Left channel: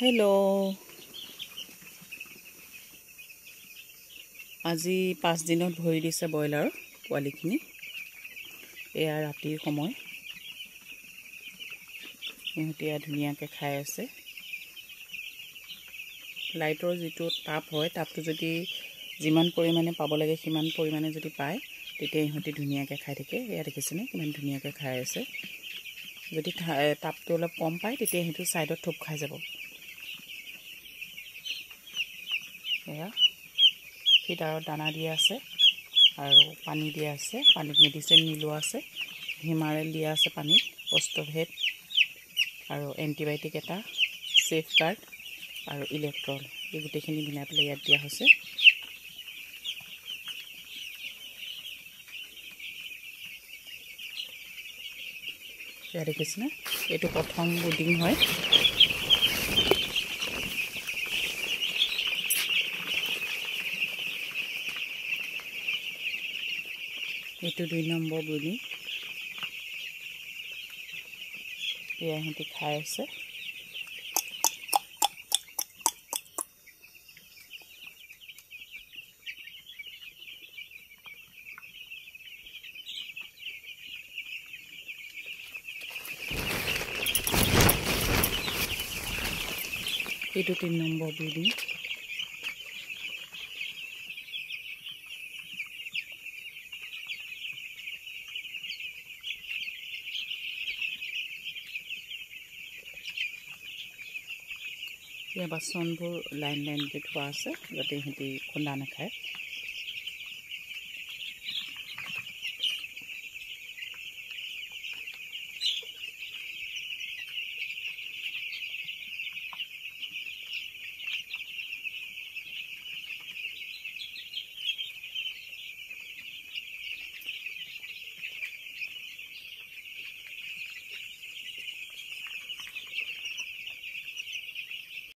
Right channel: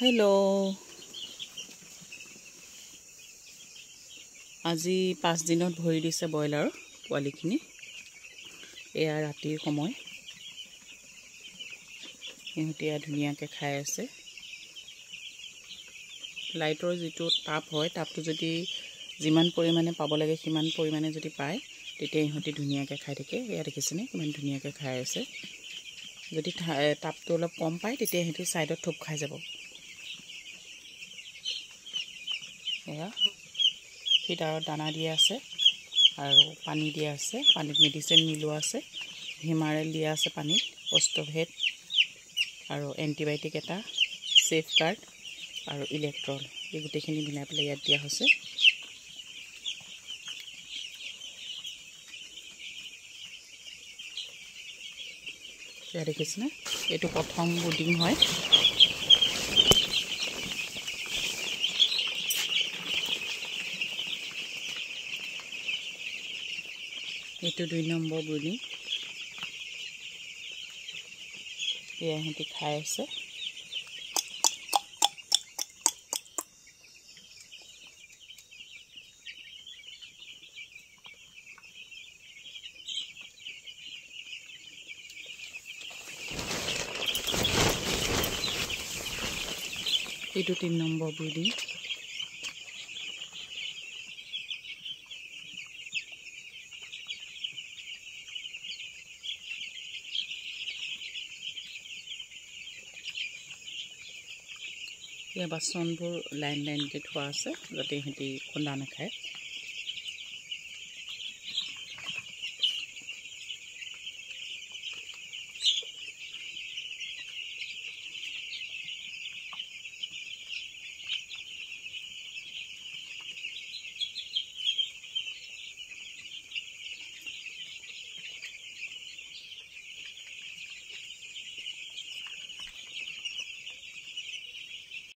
Hello' আজি 5 দিনত ভৰি দিছে ব্ৰইলাৰৰ পোৱালিখিনি। এয়া ৰাতিৰ সময়, সিহঁতে ধুনীয়াকৈ খাই আছে। লাইটৰ যিটো তাপ হয়, তাপটো যদি যিমান পৰিমাণে পাব লাগে সিমান পৰিমাণে যদি পায়, তেতিয়া ইহঁতে ধুনীয়াকৈ খাই থাকে। এয়া দেখিছেনে কিমান ধুনীয়াকৈ খাই আছে। যদি তাপটো অলপ কম পায়, তেতিয়া সিহঁতে ছাইডত থোপ খাই যাব। এয়া ফিডাৰত দানা দিয়া আছে আৰু পানী দিয়া আছে, পানীত মেডিচিন মিলোৱা আছে, হিমাৰেল দিয়া আছে পানীত, অষ্টভেট আৰু এণ্টিবায়'টিক এটা, ছেফ গাৰ্ড আৰু ইলেক্ট্ৰল, এই গোটেইখিনি মিলাই পেলাই ইয়াত দিয়া হৈছে। এয়া দেখিছেনে, এইটো প্ৰথম ব্ৰুডিং হয়। এইটো 2 নম্বৰ ব্ৰুডিং। এয়া সিহঁতি খাই আছে। এইটো 3 নম্বৰ ব্ৰুডিং। ইয়াৰ বাচনবোৰ লাইনকৈ থোৱা আছে যাতে সিহঁতি খুন্দা নাখায়।